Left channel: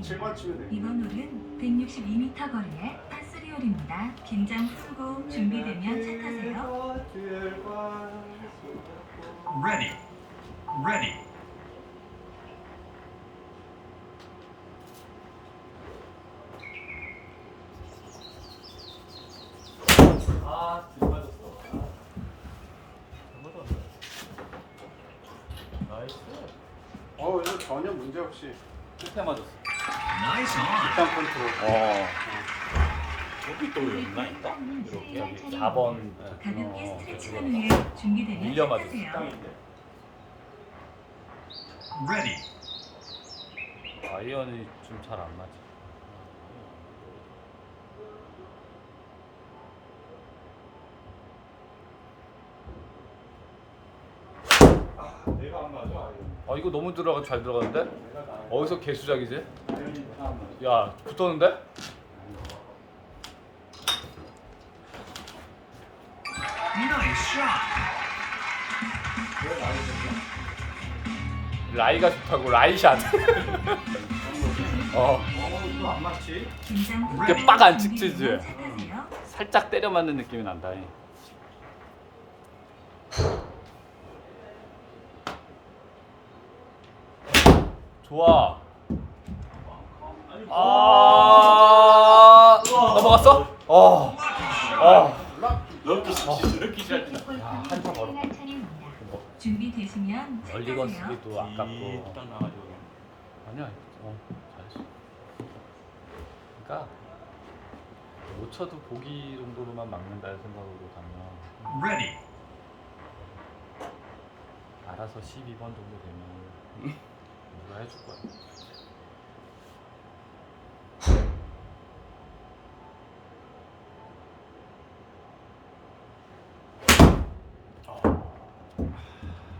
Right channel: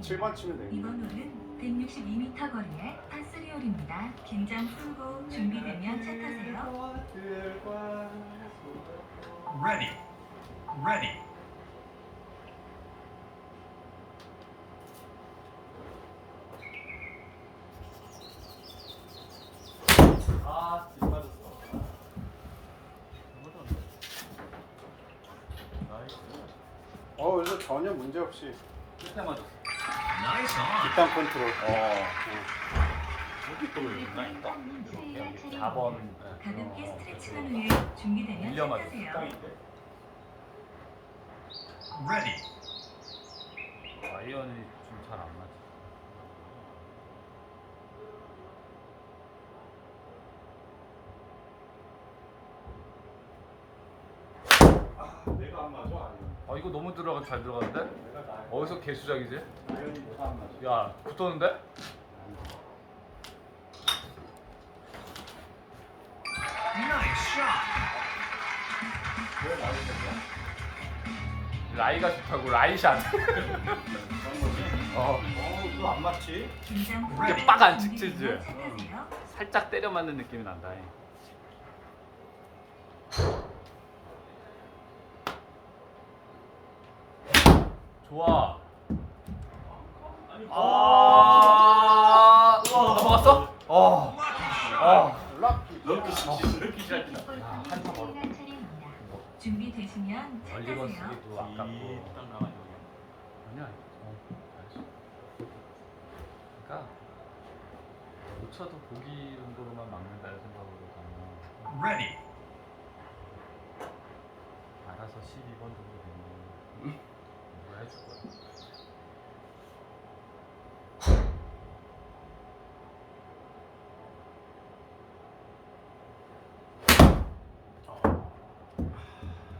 7번 치면 돼. 이번 홀은 162m 거리의 파스리 홀입니다. 긴장 풀고 준비되면 차 타세요. Ready. Ready. 아. 나이스. 어, 오늘 전혀 문제 없이 끝에 맞았어. 일단 컨트롤. 어. 여기 또. 여기 4번. 가볍게 스트레칭한 후에 준비되면 밀려 차 맞았어. 타세요. 땅인데. Ready. 아이언이 좀 잘 안 맞아. 아, 내가 안 맞아. 아이언. 아 이거 너무 들어가 잘 나. 어디서 개수작이지? 야 붙었는데? 라이가 좋다고 라이샷. 어. 안 맞지? 근데 빡안 찍히지? 살짝 때려 맞는 느낌이 난다. 이. 좋아. 아, 넘어갔어? 어. 어. 럭키 씨, 럭키 차례입니다. 준비되시면 차 멀리건 타세요. 쓰기도 아깝고. 아니야. 어. 그러니까 못 쳐도 보기 정도로만 막는다는 생각으로 가면 Ready. 알아서 12번 정도 되면 우리가 해줄 거야.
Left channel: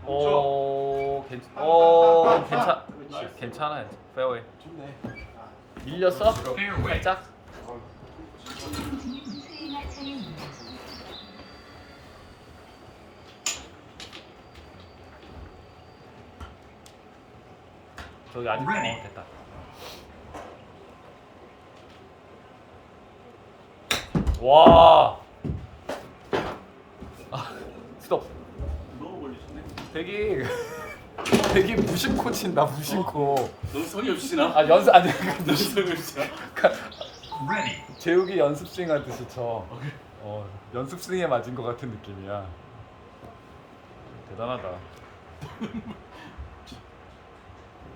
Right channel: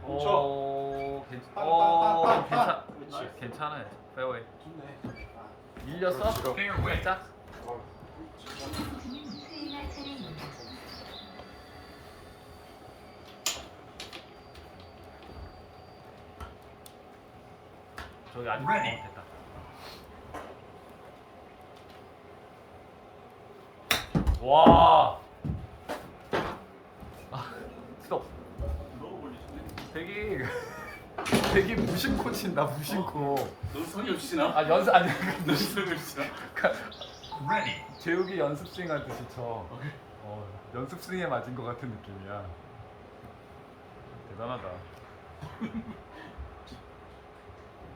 오, 괜찮, 오, 괜찮, 괜찮아요. 페어웨이. 좋네. 아, 밀렸어? Fairway. 살짝. 어. 저기 아직. 어, 됐다. 와. 아, 스톱. 되게 되게 무심코 친다 무심코. 넌 성이 없으시나? 아 연습 아니 넌 성이 없으시나? Ready. 재욱이 연습 스윙 하듯이 쳐. 어 연습 스윙에 맞은 것 같은 느낌이야. 대단하다.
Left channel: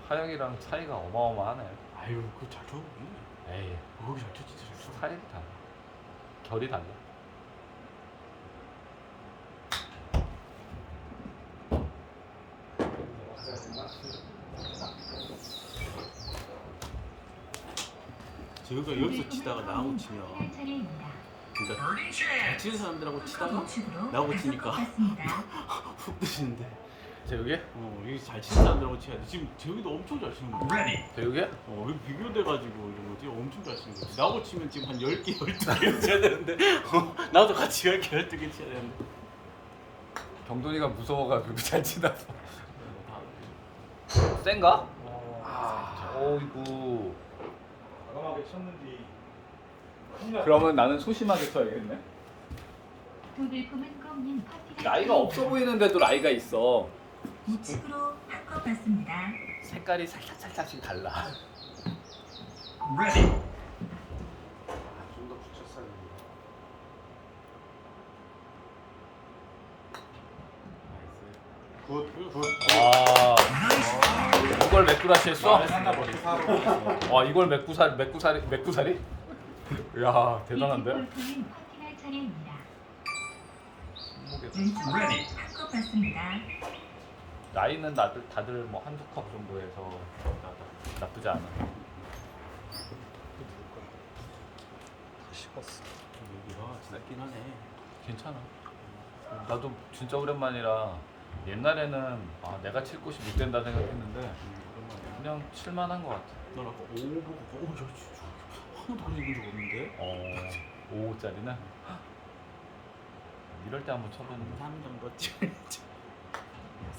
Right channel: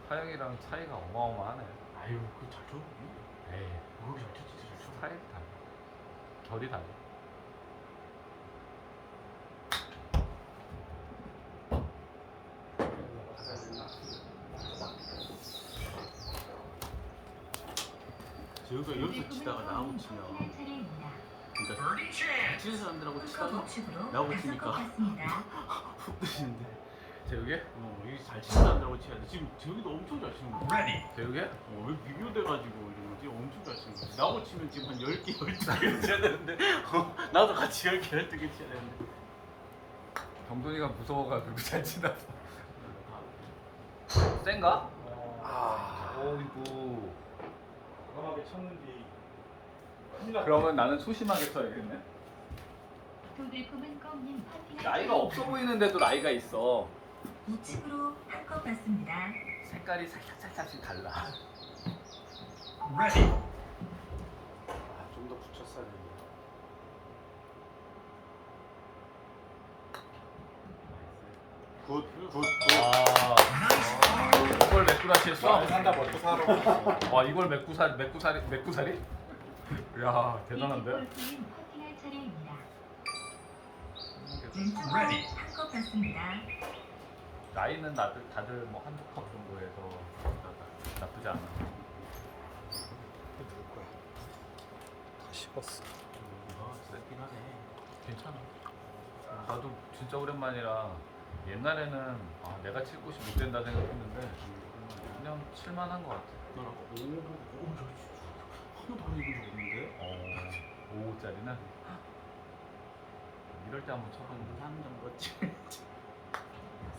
하영이랑 차이가 어마어마하네. 아유, 그거 잘 쳐. 에이 거기 잘 쳐. 살이 달라. 결이 달라. 저희가 여기서 치다가 나하고 치면. 그러니까. 치는 사람들하고 치다가 다섯 치니까. 훅 드시는데 재욱이? 어, 여기 잘 치는 사람들하고 치야 돼. 지금 저희도 엄청 잘 치는 거야. Ready. 재욱이? 어, 여기 비교돼가지고 이런 거지 엄청 잘 치는 거야. 나하고 치면 지금 한 10개, 12개 쳐야 되는데 어, 나도 같이 10개, 12개 쳐야 되는데 경돈이가 무서워가지고 잘 치나. 센가? 아, 오이구. 과감하게 쳤는데. 그러면 나는 소심하게 쳐야겠네. 도들품은 꽁님 나이가 없어 보이는데도 나이가 있어. 우측으로 한것 같습니다. 색깔이 살짝 살짝씩 달라. Ready. 좀더 붙였어야 되는데. 굿, 굿, 굿. 와. 이걸 했어? 상다 먹고 살아. 와, 이걸 맥구살 맥구살이 맥구살이? 야, 대단한데. 왼쪽으로 한. 나이는 다들 다들 뭐 한두 컵 정도에서 나쁘지 않아. 씹었어. 와, 지났긴 하네. 괜찮아. 나도 진짜 오랜만이라 옛날에는 아, 내가 칠 곳이 못 된다 생각했는데 그냥 칠만한 것 같아. 너 오, 오, 저, 저, 저, 한 번도 이긴 적 없는데? 어, 5호짜리는 이럴 때 한번 쳐보는 거. 3 정도 치면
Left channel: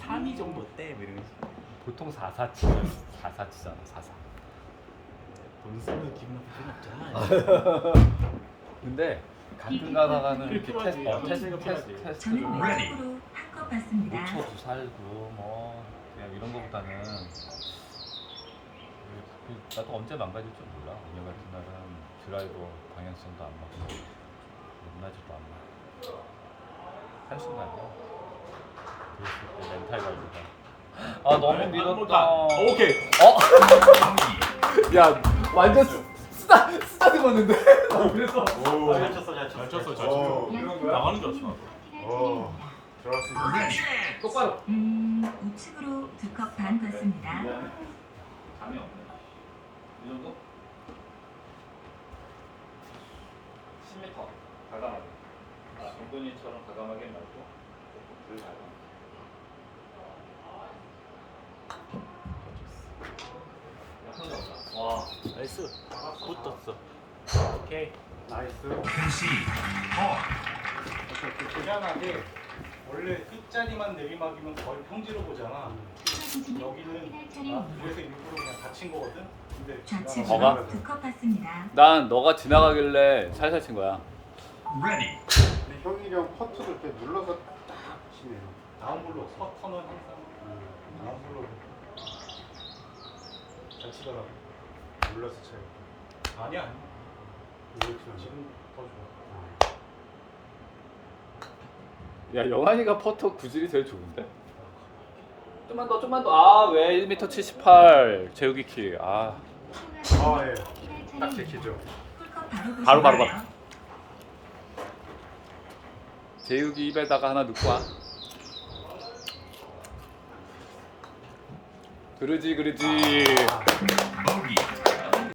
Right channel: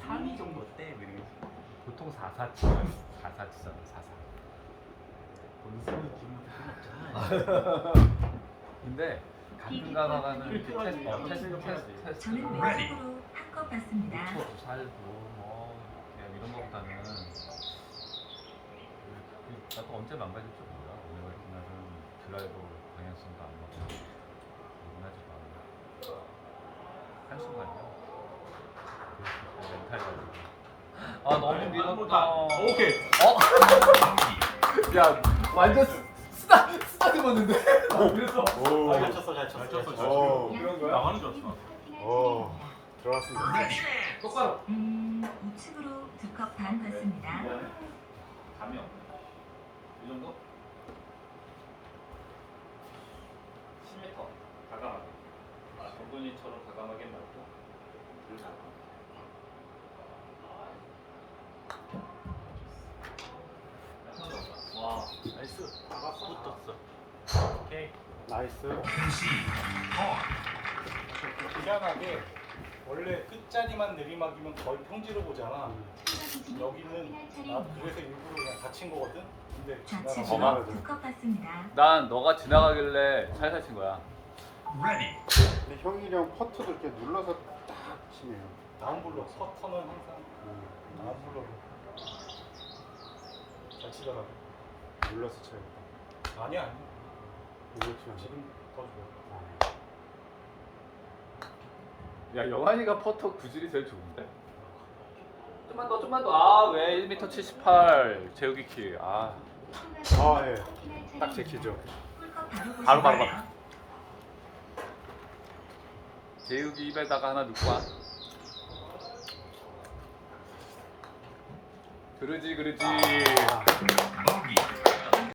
3위 정도 어때? 뭐 이러면서. 보통 44 치면 44 치잖아, 44. 돈 쓰는 기분 없잖아. 근데 가끔 가다가는 이렇게. 테스트, 어, 테스트. 테스트, 테스트 한것 같습니다. 묻혀서 살고 뭐 그냥 이런 거보다는 그- 그- 나도 언제 망가질지 몰라. 오늘 같은 날은 드라이버 방향성도 안 맞고 안 맞지도 않아. 때 멘탈 관리가 아 너무 밀었다. 오케이. 어? 야 완전 쓰- 쓰다 쓰다 들었는데 나 그래서 오. 잘 쳤어, 잘 쳤어, 잘 쳤어. 오, 그런 거야? 나만 줬어. 오. 들어왔습니다. Ready. 똑바로 음, 우측으로 두 컵반 같습니다. 감이 없네. 이 정도? 10m 가감하게. 아 정돈이처럼 가감하게 말고 조금 덜 가감. 와. 나이스. 붙었어. 오케이. 나이스. Par. 이렇게 희한하게 원래 끝자리만 내리막이면 거의 평지로 보잖아. 여기는 아, 그래서 일부러 그냥 닫힌 거거든. 근데 좌측으로 뭐가? 두컵 같습니다. 난 너가 지나가길래 살살 친 거야. Ready. 근데 형이랑 퍼트를 이렇게 눌러서 딱 치네요. 다운블로 서터는 항상 다운블로 잘 치더라. 눌러서 쳐요. 아니야 아니. 눌러 치면 지금 더 좋아. 야 영환이가 퍼터 구질이 제일 좋은데. 좀만 더, 좀만 더. 아 왜 1m 78 재욱이 키. 아 아 예. 딱 지키죠. 풀컵 바로 바로, 바로, 보시나요? 재욱이 입에다가 하나 넣고 와. 그러지 그러지. Bogey.